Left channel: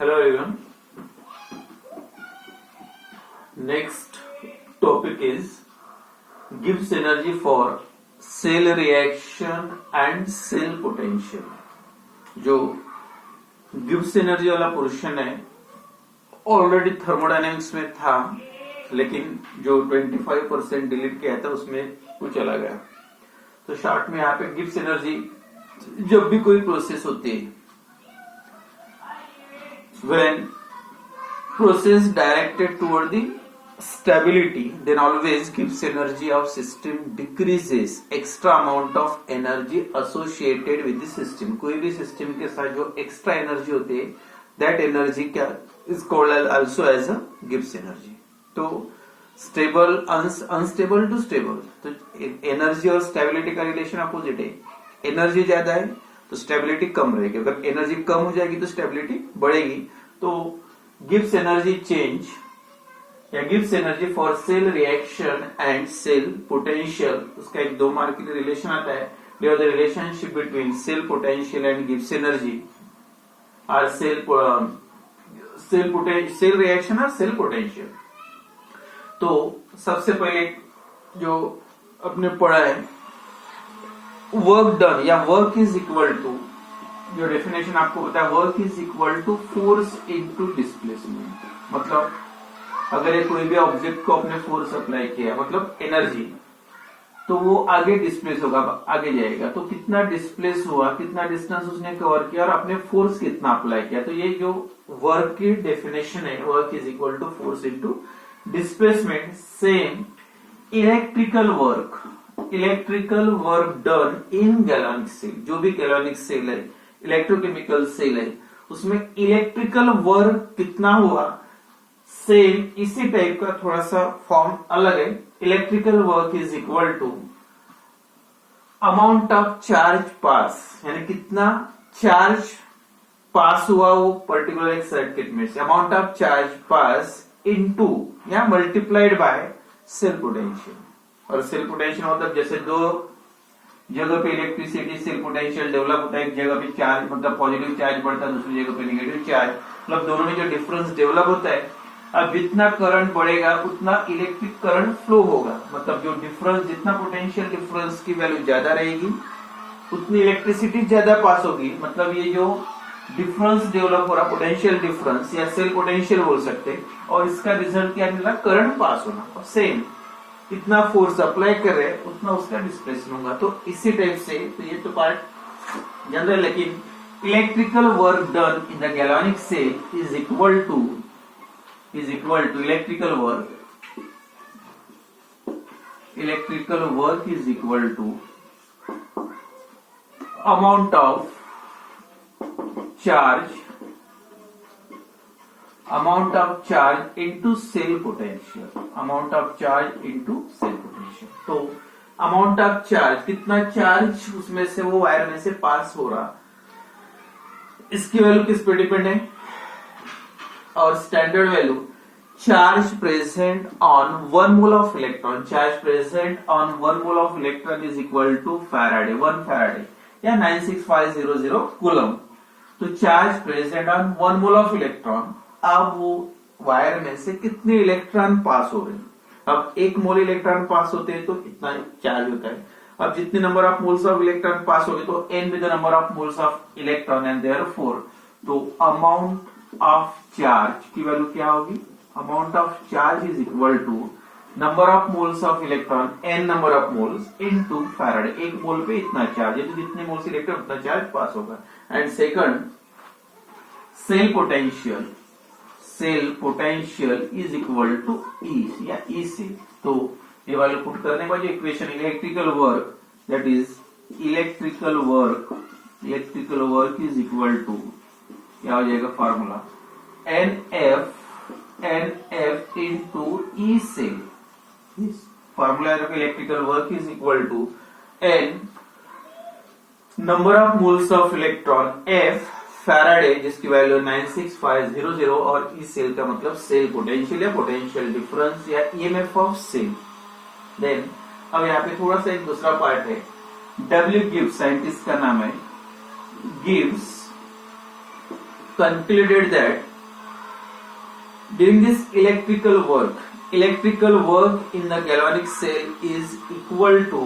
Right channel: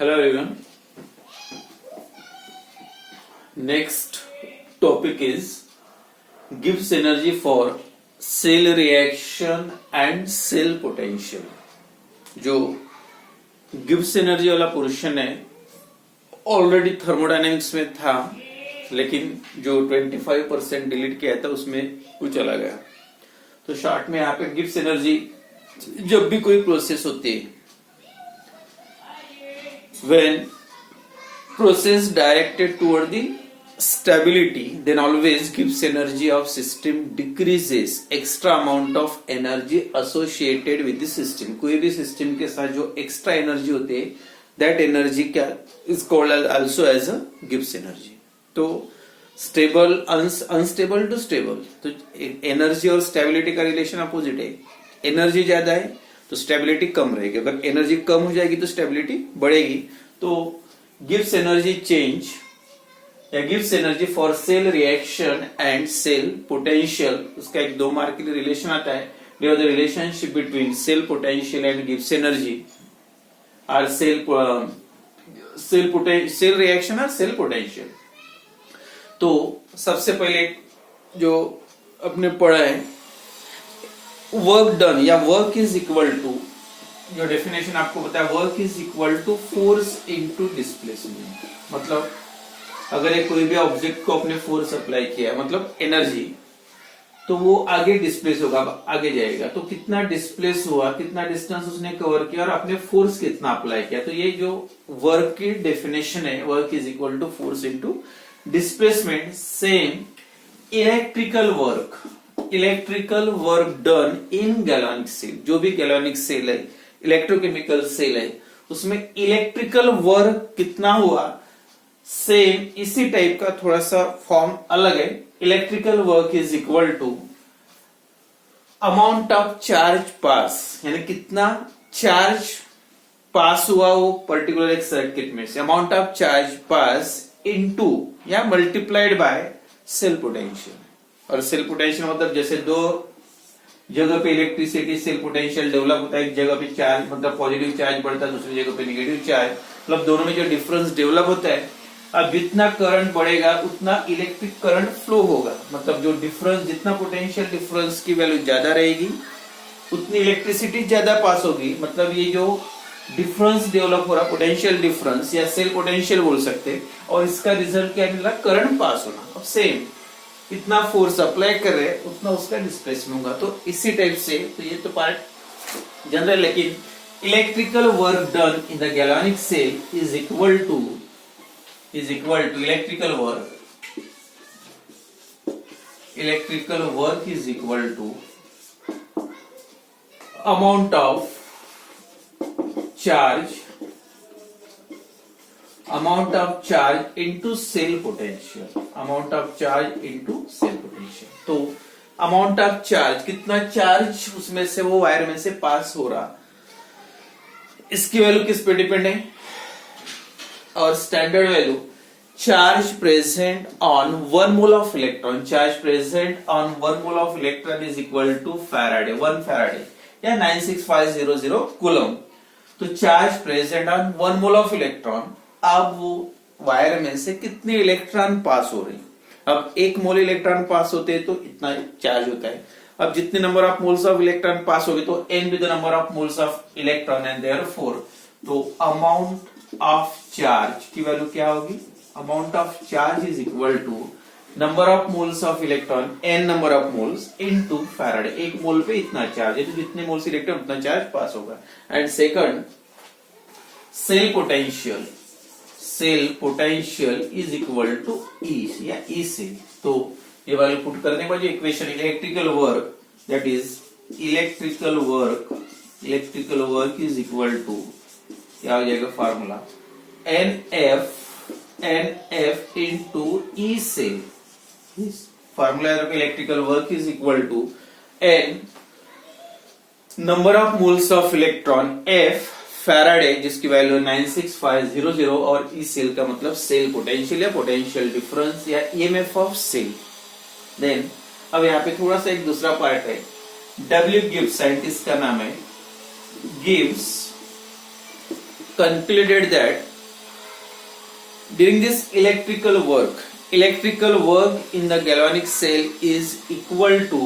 Hello everyone. Next topic is gives energy for cell reaction and cell potential. जो Gibbs energy वाला portion है already thermodynamics में था, लेकिन जो 25% डिलीट किया था उसमें वो चला गया। तो शॉर्ट में यहाँ पे गिब्स एनर्जी जब भी कोई प्रोसेस होती है, when process directed toward the stability, then always Gibbs energy of system decreases extra amount of energy associated with the system. कोई भी सिस्टम के साथ जो एक्स्ट्रा एनर्जी होती है, that energy क्या is called also as a Gibbs energy. तो stable unstable to stable, तो एनर्जी और स्टेबिलिटी का रिलेशन अपोजिट है। एनर्जी ज्यादा है तो स्टेबिलिटी कम रहेगी, अगर एनर्जी कम हो जाएगी तो स्टेबिलिटी बढ़ेगी। तो गिव्स एनर्जी चेंज या गिव्स energy for cell reaction and cell potential, उसका एक 2 मार्क के लिए रिलेशन आता है। The relationship between cell potential and गिव्स एनर्जी आर सेल रिएक्शन और सेल पोटेंशियल। तो सबसे पहले जो अपने पढ़ा है, वर्क डन या वर्क इज इक्वल टू, जो डेफिनेशन आपको बताया, work is equal to force into displacement. मतलब अगर ये कोई भी ऑब्जेक्ट को अपने फोर्स अप्लाई किया, मतलब एनर्जी, तो वो आगे डिस्प्लेस होगा, आगे जाएगा। तो कितना डिस्प्लेस हुआ, कितना डिस्टेंस उसने कवर किया और अपने फोर्स कितना अप्लाई किया। तो ये जो वर्क की डेफिनेशन है, work is equal to force into displacement. Same electrical work done in galvanic cell, जो भी गैल्वेनिक सेल है, इलेक्ट्रोकेमिकल सेल है, उसमें इलेक्ट्रिकल वर्क कितना हुआ, सेम इसी टाइप का थोड़ा सा फॉर्म अलग है। Electrical work is equal to amount of charge pass, यानी कितना चार्ज पास हुआ वो पर्टिकुलर एक सर्किट में से, amount of charge pass into या मल्टीप्लाइड बाय सेल पोटेंशियल। और सेल पोटेंशियल मतलब जैसे 2 जगह पे इलेक्ट्रिसिटी सेल पोटेंशियल डेवलप होता है, एक जगह पे चार्ज मतलब पॉजिटिव चार्ज बढ़ता है, दूसरी जगह पे नेगेटिव चार्ज, मतलब दोनों में जो डिफरेंस डेवलप होता है। अब जितना करंट बढ़ेगा उतना इलेक्ट्रिक करंट फ्लो होगा, मतलब जो डिफरेंस, जितना पोटेंशियल डिफरेंस की वैल्यू ज्यादा रहेगी उतनी इलेक्ट्रिसिटी ज्यादा पास होगी। मतलब ये जो डिफरेंस डेवलप हो रहा, पोटेंशियल डिफरेंस या सेल पोटेंशियल बोल सकते हैं, और इसका रिजल्ट क्या मिला, करंट पास होना। अब सेम कितना फोर्स अप्लाई कर रहे हैं उतना उसका डिस्प्लेसमेंट होगा। तो इसी टाइप से, तो ये तो पार्ट जनरल, लेकिन electrical work done in the galvanic cell is equal to electrical work is equal to amount of charge into cell potential, amount of charge into cell potential. तो amount of charge, कितना charge उसमें से वो wire में से पास हो रहा, इसकी वैल्यू किस पे डिपेंड है, और standard value charge present on 1 mole of electron, charge present on 1 mole of electron is equal to Faraday, 1 Faraday या 96500 कूलम। तो charge present on 1 mole of electron, अब वो वायर में से कितने इलेक्ट्रॉन पास हो रहे हैं। अब 1 मोल इलेक्ट्रॉन पास होते हैं तो इतना चार्ज होता है। अब जितने number of moles of electron pass हो गए तो n with the number of moles of electron and therefore तो अमाउंट ऑफ चार्ज की वैल्यू क्या होगी, amount of charge is equal to number of moles of electron n number of moles into Faraday. 1 mole पे इतना charge है, तो जितने moles electron उतना चार्ज पास होगा। And second, cell potential is equal to E या E cell. तो ये वैल्यू पुट करने के बाद जो इक्वेशन है, electrical work, that is electrical work is equal to, क्या हो जाएगा formula, NF into E cell. Formula electrical work is equal to N number of moles of electron, F Faraday जिसकी value 96500, और ई सेल का मतलब cell potential या potential difference या EMF of cell. Then अब यहाँ पे थोड़ा सा एक दूसरा पार्ट है, W गिव्स, साइंटिस्ट का नाम है, gives concluded that during this electrical work in the galvanic cell is equal to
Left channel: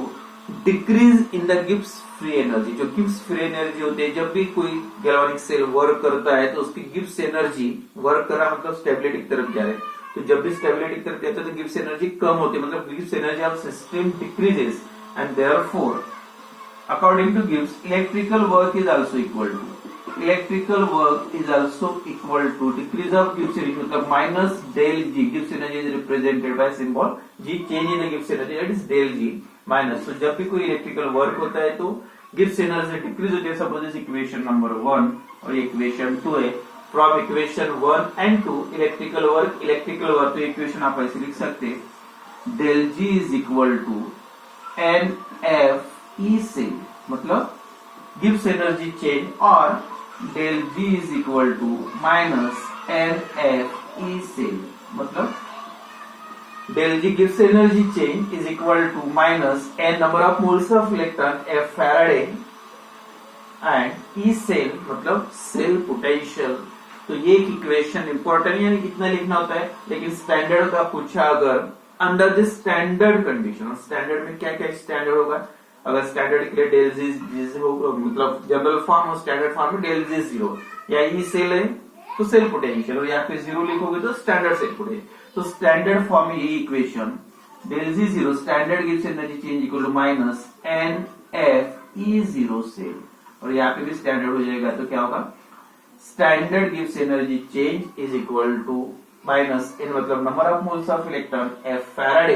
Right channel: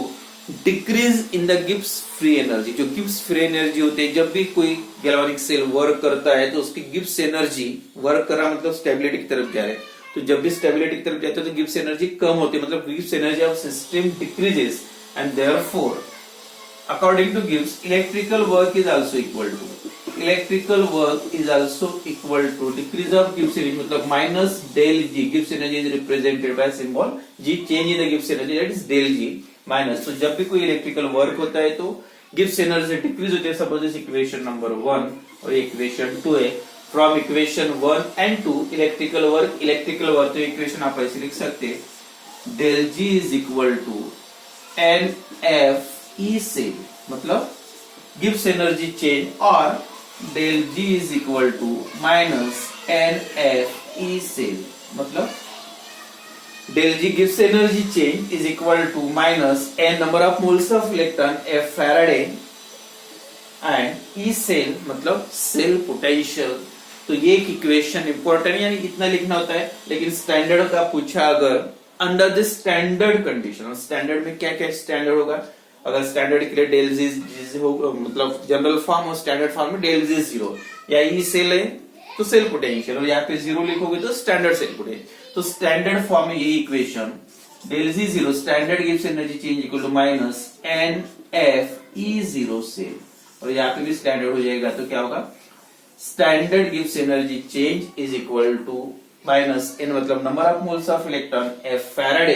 decrease in the Gibbs free energy. जो गिब्स फ्री एनर्जी होती है, जब भी कोई गैल्वेनिक सेल वर्क करता है तो उसकी गिब्स एनर्जी, वर्क कर रहा मतलब स्टेबिलिटी की तरफ जा रहे हैं, तो जब भी स्टेबिलिटी की तरफ जाते हैं तो गिब्स एनर्जी कम होती है, मतलब Gibbs energy of system decreases and therefore according to Gibbs electrical work is also equal to decrease of Gibbs energy, मतलब minus del G. Gibbs energy is represented by symbol G, change in the Gibbs energy, that is del G minus. तो जब भी कोई electrical work होता है तो Gibbs energy decrease होती है. सपोज दिस इक्वेशन नंबर 1 और इक्वेशन 2 है. From equation 1 and 2 electrical work तो इक्वेशन आप ऐसे लिख सकते हैं del G is equal to NF E cell, मतलब गिब्स एनर्जी चेंज, और del G is equal to minus NF E cell, मतलब del G Gibbs energy change is equal to minus N number of moles of electron F Faraday and E cell मतलब cell potential. तो ये एक equation important, यानी इतना लिखना होता है, लेकिन स्टैंडर्ड का पूछा अगर under this standard condition, standard में क्या क्या स्टैंडर्ड होगा, अगर स्टैंडर्ड के लिए डेल जी हो, मतलब जनरल फॉर्म और स्टैंडर्ड फॉर्म में डेल जी जीरो, या ई सेल है तो सेल पोटेंशियल, और यहाँ पे जीरो लिखोगे तो स्टैंडर्ड सेल पोटेंशियल. तो स्टैंडर्ड फॉर्म में ये equation del G zero standard Gibbs energy change equal to minus N F E zero cell, और यहाँ पे भी स्टैंडर्ड हो जाएगा तो क्या होगा, standard Gibbs energy change is equal to minus N मतलब number of moles of electron F Faraday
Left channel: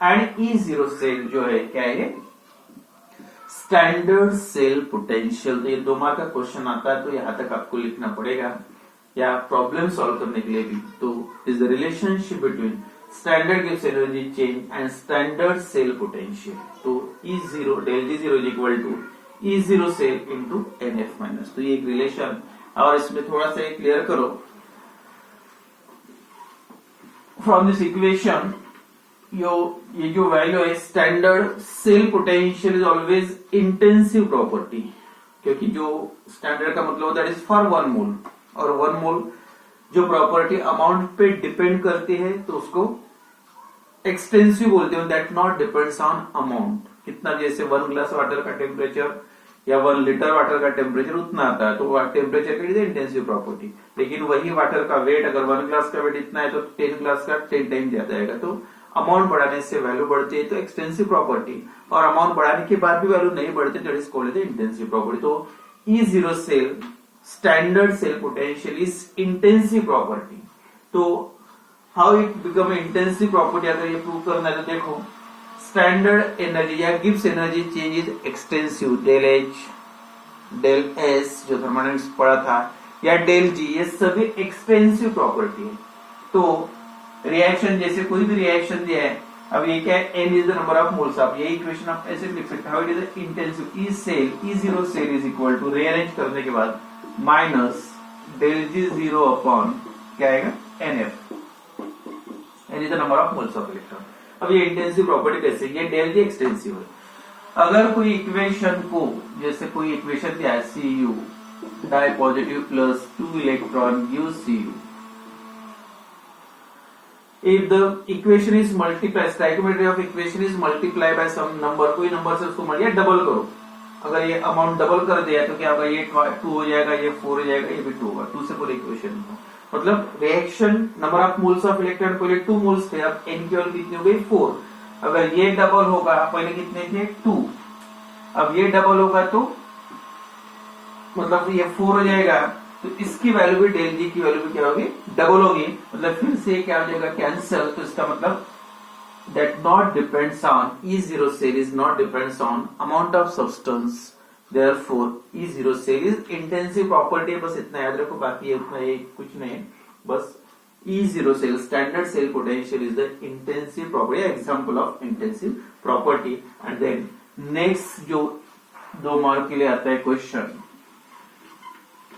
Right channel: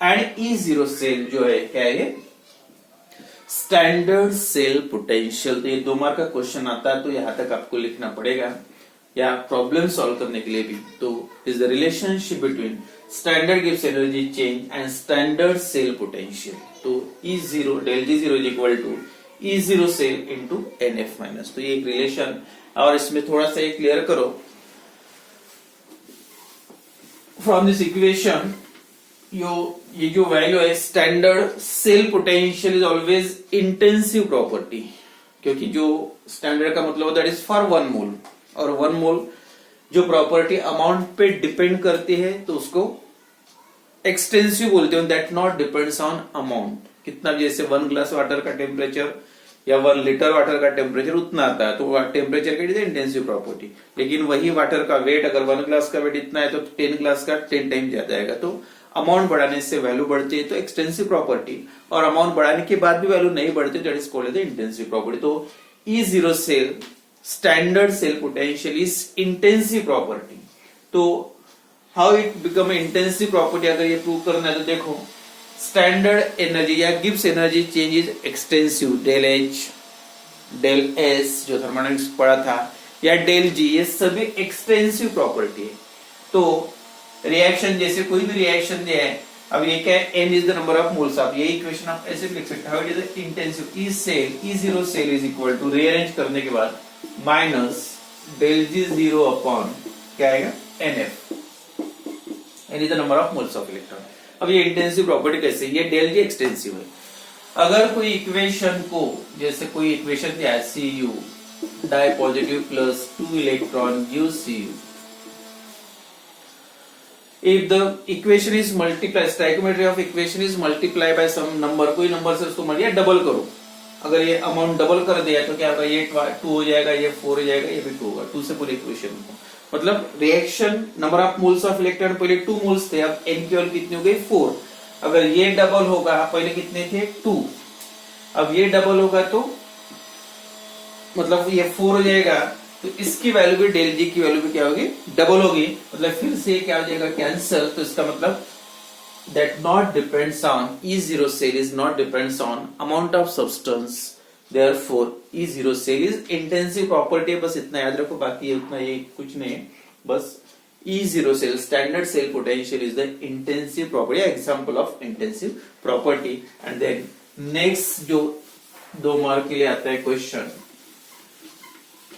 and E zero cell जो है क्या है, स्टैंडर्ड सेल पोटेंशियल. तो ये 2 मार्क का क्वेश्चन आता है तो यहां तक आपको लिखना पड़ेगा, या प्रॉब्लम सॉल्व करने के लिए भी. तो is the relationship between standard Gibbs energy change and standard cell potential. तो E zero del G zero is equal to E zero cell into N F minus. तो ये एक रिलेशन, और इसमें थोड़ा सा क्लियर करो. फ्रॉम दिस इक्वेशन ये जो वैल्यू है standard cell potential is always intensive property, क्योंकि जो स्टैंडर्ड का मतलब दैट इज फॉर 1 मोल, और 1 मोल जो प्रॉपर्टी अमाउंट पे डिपेंड करती है तो उसको एक्सटेंसिव बोलते हैं. That not depends on amount, कितना, जैसे 1 ग्लास वाटर का टेम्परेचर या 1 लीटर वाटर का टेम्परेचर उतना आता है तो टेम्परेचर का इंटेंसिव प्रॉपर्टी. लेकिन वही वाटर का वेट, अगर 1 ग्लास का वेट इतना है तो 10 ग्लास का 10 टाइम ज्यादा आएगा. तो अमाउंट बढ़ाने से वैल्यू बढ़ती है तो एक्सटेंसिव प्रॉपर्टी, और अमाउंट बढ़ाने के बाद भी वैल्यू नहीं बढ़ती that is called the intensive property. तो E zero cell standard cell potential is intensive property. तो how it become intensive property, अगर ये प्रूव करना है तो देखो, स्टैंडर्ड एनर्जी या Gibbs energy change is extensive, del H del S जो थर्मोडायनेमिक्स पढ़ा था, या डेल जी, ये सभी एक्सटेंसिव प्रॉपर्टी है. तो रिएक्शन, जैसे कोई भी रिएक्शन दिया है, अब ये क्या है, N is the number of moles of, ये इक्वेशन आप ऐसे भी लिख सकते हैं, how it is intensive E cell E zero cell is equal to rearrange करने के बाद minus del G zero upon क्या आएगा N F, N is the number of moles of electron. अब ये इंटेंसिव प्रॉपर्टी कैसे, ये डेल जी extensive है. अगर कोई इक्वेशन को, जैसे कोई इक्वेशन दिया है C U di positive plus 2 electron give C U, if the equation is multiplied, stoichiometry of equation is multiplied by some number, कोई नंबर से उसको मल्टीप्लाई डबल करो, अगर ये अमाउंट डबल कर दिया तो क्या होगा, ये 2 हो जाएगा, ये 4 हो जाएगा, ये भी 2 होगा. 2 से पूरी इक्वेशन, मतलब reaction number of moles of electron, पहले 2 मोल्स थे, अब n की वैल्यू कितनी हो गई 4. अगर ये डबल होगा, पहले कितने थे 2, अब ये डबल होगा तो मतलब ये 4 हो जाएगा, तो इसकी वैल्यू भी डेल जी की वैल्यू भी क्या होगी, डबल होगी, मतलब फिर से क्या हो जाएगा कैंसिल. तो इसका मतलब that not depends on E zero cell is not depends on amount of substance, therefore E zero cell is intensive property. बस इतना याद रखो, बाकी ये उतना ये कुछ नहीं है, बस E zero cell standard cell potential is the intensive property, example of intensive property. And then next जो 2 मार्क के लिए आता है question,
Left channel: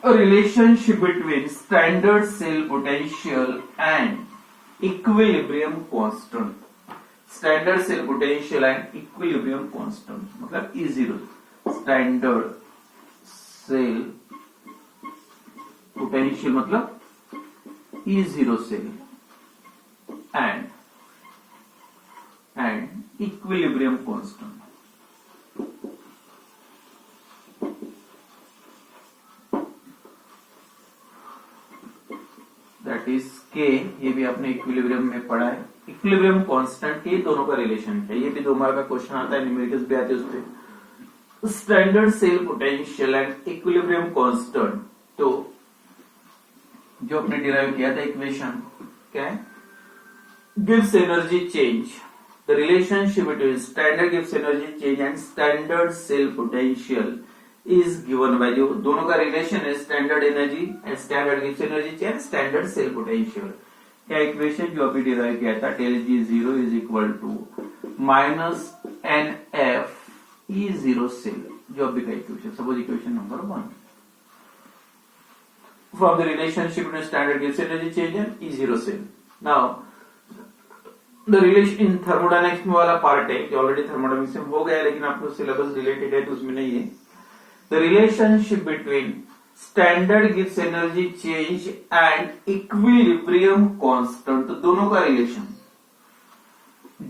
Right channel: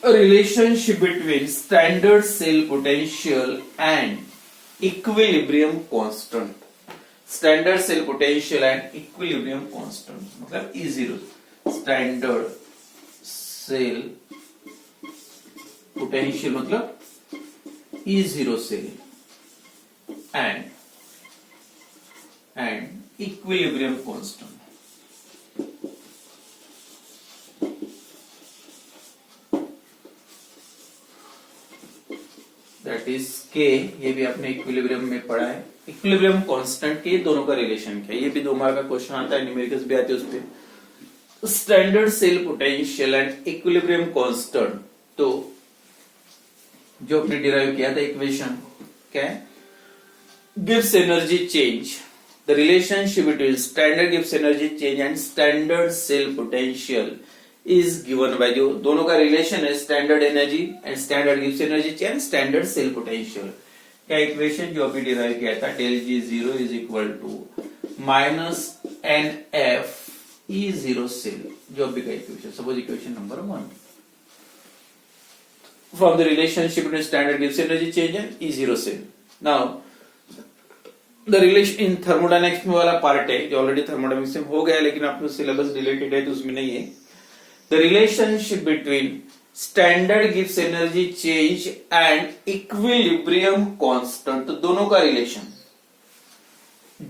a relationship between standard cell potential and equilibrium constant. Standard cell potential and equilibrium constant मतलब E0 standard cell potential मतलब E0 cell and equilibrium constant. That is K, ये भी आपने इक्विलिब्रियम में पढ़ा है। इक्विलिब्रियम कांस्टेंट के दोनों का रिलेशन क्या है, ये भी 2 मार्क का क्वेश्चन आता है, न्यूमेरिकल्स भी आते हैं उस पे। Standard cell potential and equilibrium constant, तो जो आपने डिराइव किया था इक्वेशन क्या है, gives energy change, the relationship between standard गिव्स energy change and standard cell potential is given by, जो दोनों का रिलेशन है स्टैंडर्ड एनर्जी एंड स्टैंडर्ड गिव्स energy change standard cell potential. क्या इक्वेशन जो अभी डिराइव किया था, del G zero is equal to minus N F E zero cell, जो अभी का equation, suppose equation number 1 from the relationship between standard gives energy change and E0 cell. Now, the relation in thermodynamics में वाला part है जो already thermodynamics में हो गया है, लेकिन आपको सिलेबस रिलेटेड है तो उसमें नहीं है। The relationship between standard gives energy change and equilibrium constant, तो दोनों का relation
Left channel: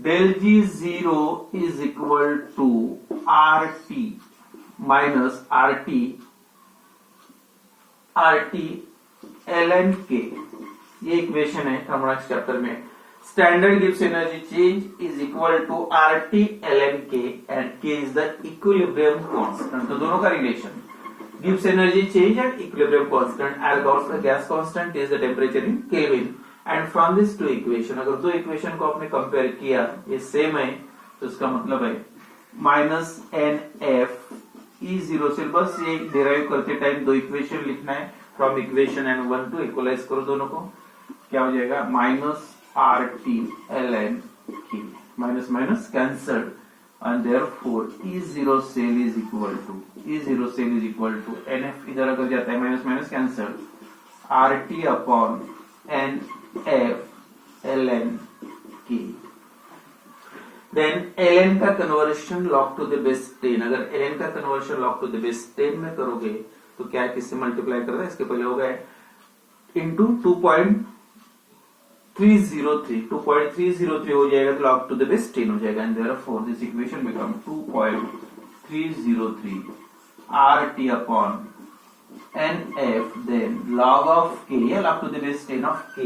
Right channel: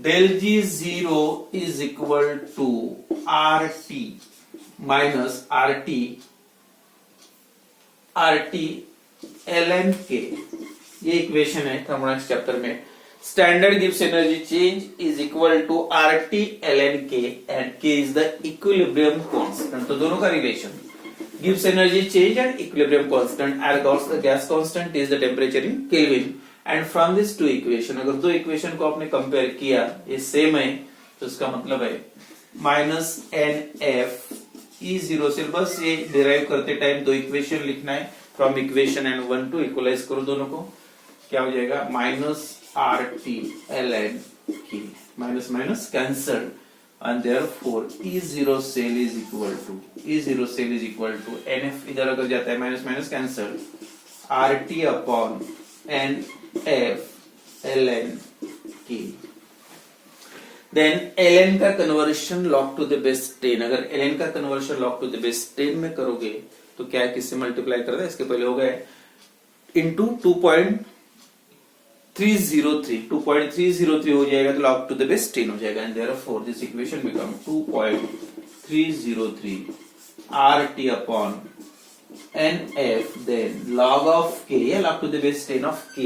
del G zero is equal to RT minus RT ln k, ये इक्वेशन है थर्मोडायनेमिक्स चैप्टर में। स्टैंडर्ड गिव्स energy change is equal to RT ln k and k is the equilibrium constant, तो दोनों का रिलेशन गिव्स energy change and equilibrium constant, as the gas constant is the temperature in kelvin. And from this 2 equation, अगर 2 equation को आपने compare किया, ये same है, तो इसका मतलब है माइनस एन एफ E0 से, बस ये डिराइव करते टाइम 2 इक्वेशन लिखना है from equation and 1 two, equalise करो दोनों को, क्या हो जाएगा minus RT ln k, minus minus cancel and therefore E0 cell is equal to NF, इधर अगर जाता है minus minus cancel, RT upon NF ln k। Then ln का conversion log to the base 10, अगर ln का conversion log to the base 10 में करोगे तो क्या किससे मल्टीप्लाई करता है, इसके पहले हो गया इंटू 2.303 हो जाएगा, तो log टू द बेस 10 हो जाएगा, and therefore this equation become 2.303 RT upon NF then log of k, या log to the base 10 of k।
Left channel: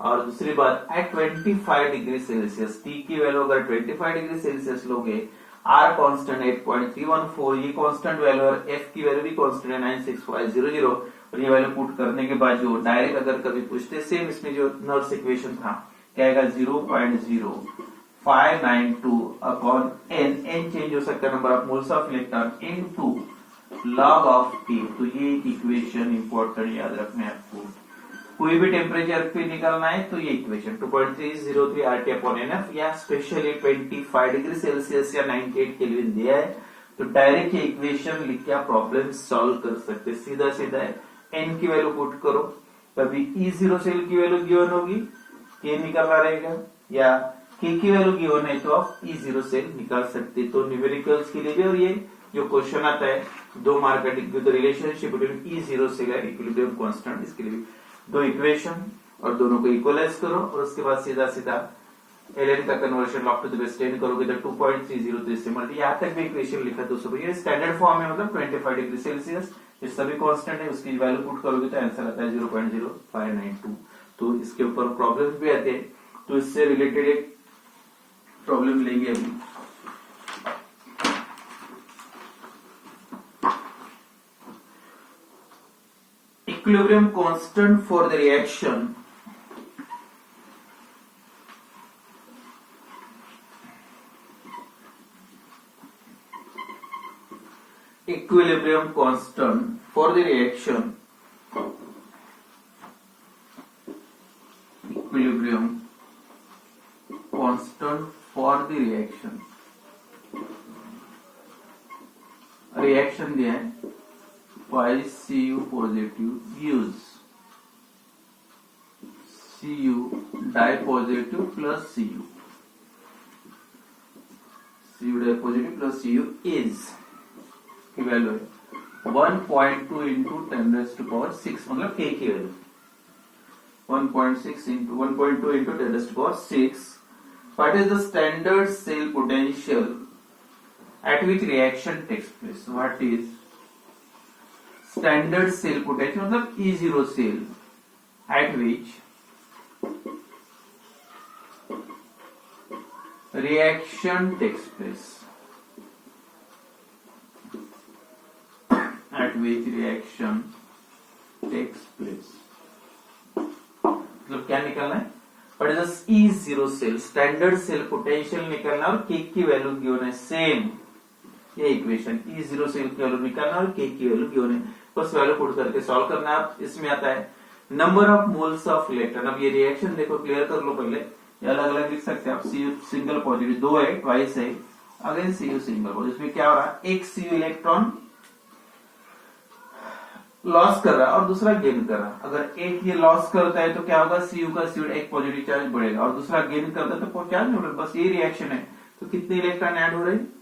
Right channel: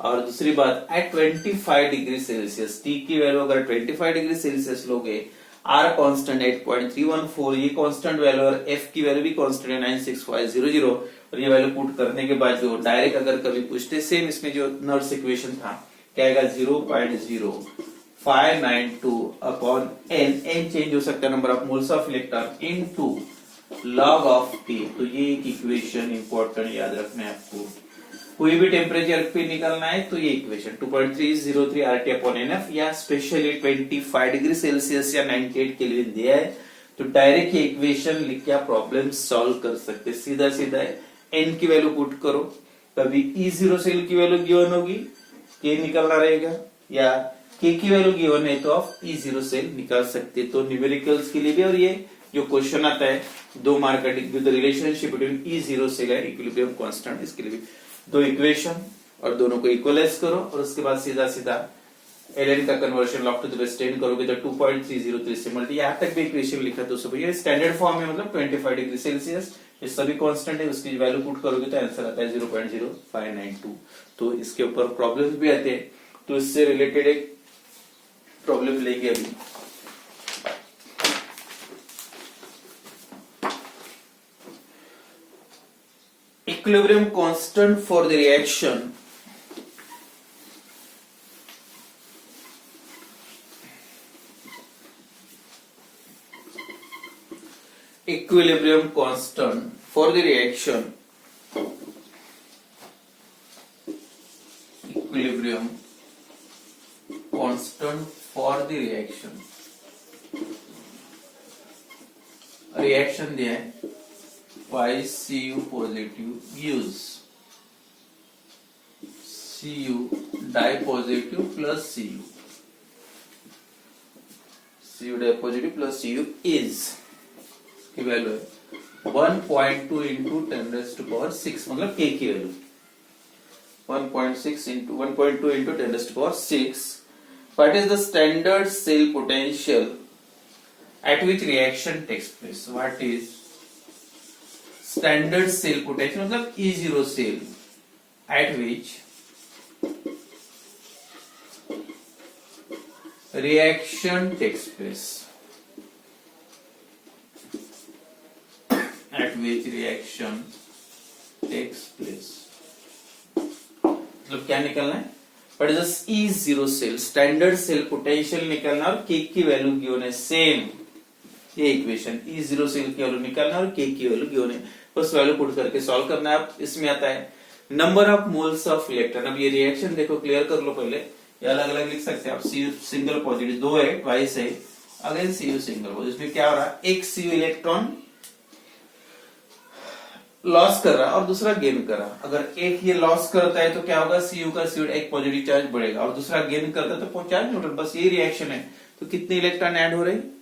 और दूसरी बात, एट 25 डिग्री सेल्सियस, टी की वैल्यू अगर 25 डिग्री सेल्सियस लोगे, आर कांस्टेंट 8.314, ये कांस्टेंट वैल्यू, और एफ की वैल्यू भी कांस्टेंट है 96500, और ये वैल्यू पुट करने के बाद जो डायरेक्ट अगर कभी पूछते, सेम इसमें जो नर्स इक्वेशन था, क्या आएगा 0.0592 अपॉन एन, एन चेंज हो सकता है number of moles of electron, into log of के। तो ये इक्वेशन इंपॉर्टेंट याद रखना है आपको, कोई भी टेम्परेचर पे निकलना है तो ये इक्वेशन 2.303 RT अपॉन NF, या स्पेशली 25 डिग्री सेल्सियस या 98 केल्विन दिया है, तो डायरेक्ट ये इक्वेशन लिख के आप प्रॉब्लम सॉल्व कर सकते, सीधा सीधा n की वैल्यू पुट करो, कभी E0 सेल की वैल्यू गिवन होगी, k निकलना रहेगा, या k की वैल्यू गिवन है तो आप E0 सेल निकाल सकते। तो न्यूमेरिकल्स के लिए भी, और ये जो क्वेश्चन आता है 2 मार्क का, the relationship between E0 cell and equilibrium constant, इसके लिए भी 2 इक्वेशन और दोनों को इक्वलाइज करो, और उसके बाद सीधा सीधा ln का conversion log to the base 10 करोगे तो 2.303 से मल्टी, यहाँ तक भी इक्वेशन लिखा तो सब ये स्टैंडर्ड फॉर्म है, मतलब 25 डिग्री सेल्सियस, ये सभी कांस्टेंट है, उसकी वैल्यू पुट करोगे तो आंसर आता है 0.0592। तो इसके ऊपर प्रॉब्लम्स भी आते हैं, तो इससे रिलेटेड एक प्रॉब्लम लेंगे अभी। Equilibrium constant for the reaction equilibrium constant for the reaction equilibrium constant for the reaction दिया है Cu positive use Cu die positive plus Cu die positive plus Cu is की वैल्यू है 1.2 into 10⁻6 मतलब K की value 1.6 into 1.2 into 10⁻6. What is the standard cell potential at which reaction takes place? What is standard cell potential? मतलब E0 cell at which reaction takes place. At which reaction takes place. मतलब क्या निकलना है? What is the E0 cell standard cell potential निकलना और K की value given है same. ये इक्वेशन E0 सेल की वैल्यू निकालना और K की वैल्यू गिवन है, बस वैल्यू पुट करके सॉल्व करना है. आप इसमें आता है number of moles of electron. अब ये रिएक्शन देखो क्लियर कर लो पहले, ये अलग अलग लिख सकते हैं आप. Cu सिंगल पॉजिटिव 2 है, ट्वाइस है, अगेन Cu सिंगल पॉजिटिव. इसमें क्या हो रहा है, एक Cu इलेक्ट्रॉन लॉस कर रहा है और दूसरा गेन कर रहा है. अगर एक ये लॉस करता है तो क्या होगा, Cu का Cu एक पॉजिटिव चार्ज बढ़ेगा और दूसरा गेन करता है तो चार्ज न्यूट्रल. बस ये रिएक्शन है. तो कितने इलेक्ट्रॉन ऐड हो रहे हैं,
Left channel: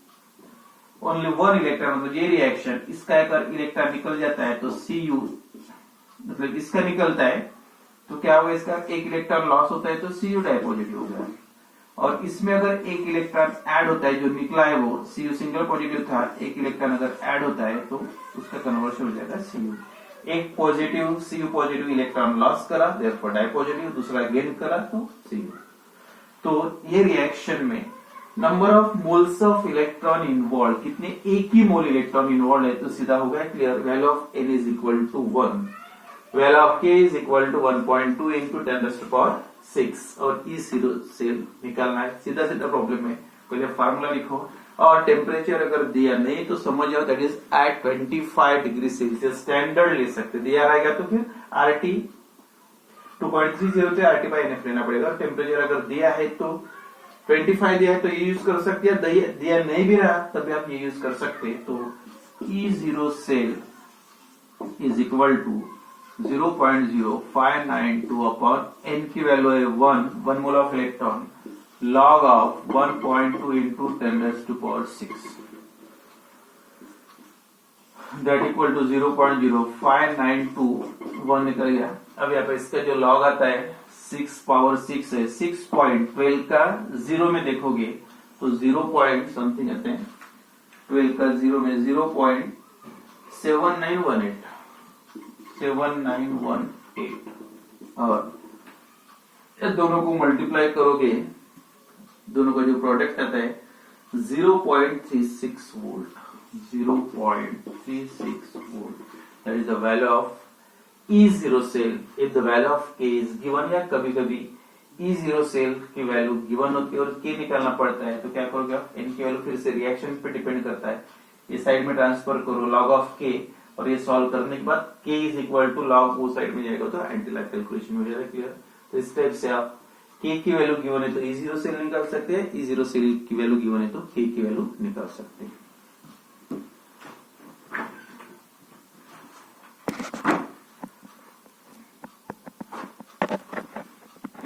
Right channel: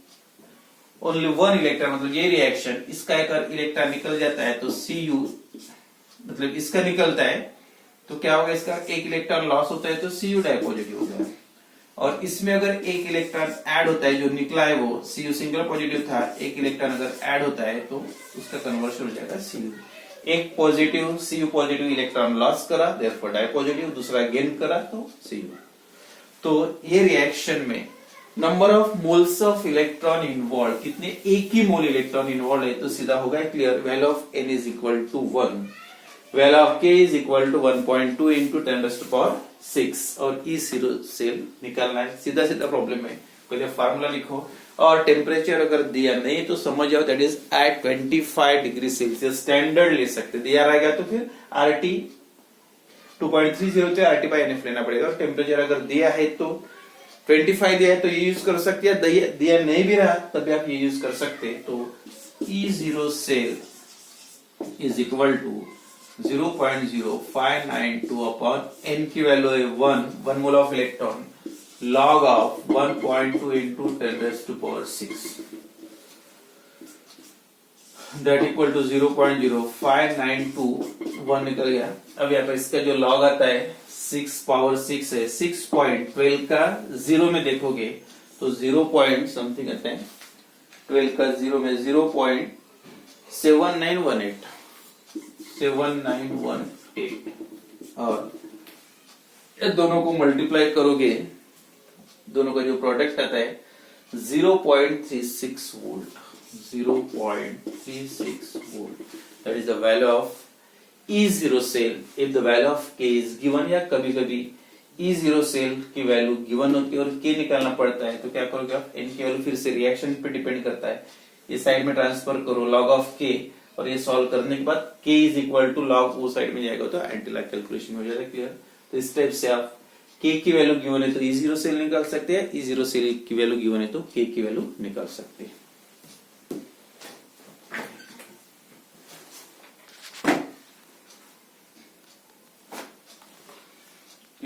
ओनली 1 इलेक्ट्रॉन. मतलब ये रिएक्शन इसका अगर इलेक्ट्रॉन निकल जाता है तो Cu मतलब इसका निकलता है तो क्या होगा, इसका एक इलेक्ट्रॉन लॉस होता है तो Cu डाई पॉजिटिव हो गया. और इसमें अगर एक इलेक्ट्रॉन ऐड होता है, जो निकला है वो Cu सिंगल पॉजिटिव था, एक इलेक्ट्रॉन अगर ऐड होता है तो उसका कन्वर्शन हो जाएगा Cu. एक positive Cu positive electron loss करा, देयरफॉर डाई पॉजिटिव, दूसरा गेन करा तो Cu. तो ये रिएक्शन में number of moles of electron involve, कितने, एक ही मोल इलेक्ट्रॉन इन्वॉल्व है तो सीधा होगा clear. Value of N is equal to 1, value of K is equal to 1.2 into 10⁻6 और E0 सेल निकालना है. सीधा सीधा प्रॉब्लम है, पहले फार्मूला लिखो और टेम्परेचर अगर दिया नहीं तो समझ जाओ that is at 25 degree Celsius. Standard ले सकते, दिया रहेगा तो फिर RT 2.30 होते RT/NF लेना पड़ेगा. और टेम्परेचर अगर दिया है तो 25 दिया है तो ये यूज कर सकते हैं, दिया नहीं भी रहा तभी आप ये यूज कर सकते हैं. तो E0 cell is equal to 0.0592 upon N की वैल्यू है 1 mole of electron, log of 1.2 into 10⁻6 that equal to 0.0592. 1 निकल गया. अब यहाँ पर इसका जो log आता है 6⁻6 है, 6.12 का 0 में देखोगे तो 0 पॉइंट समथिंग आता है, 12 का 0 में 0.7918 और ये दोनों को मल्टीप्लाई करोगे, दोनों का जो प्रोडक्ट आता है 0.36 volt. 0.36 volt, that is the value of E0 cell if the value of K is given. या कभी कभी E0 सेल की वैल्यू गिवन होती है और K निकालना पड़ता है तो क्या करोगे आप, N की वैल्यू फिर से रिएक्शन पे डिपेंड करता है, इस साइड में ट्रांसफर करो log ऑफ K और ये सॉल्व करने के बाद K is equal to log वो साइड में जाएगा तो एंटी लैग कैलकुलेशन हो जाएगा. क्लियर. तो इस टाइप से आप K की वैल्यू गिवन है तो E0 सेल निकाल सकते हैं, E0 सेल की वैल्यू गिवन है तो K की वैल्यू निकाल सकते हैं.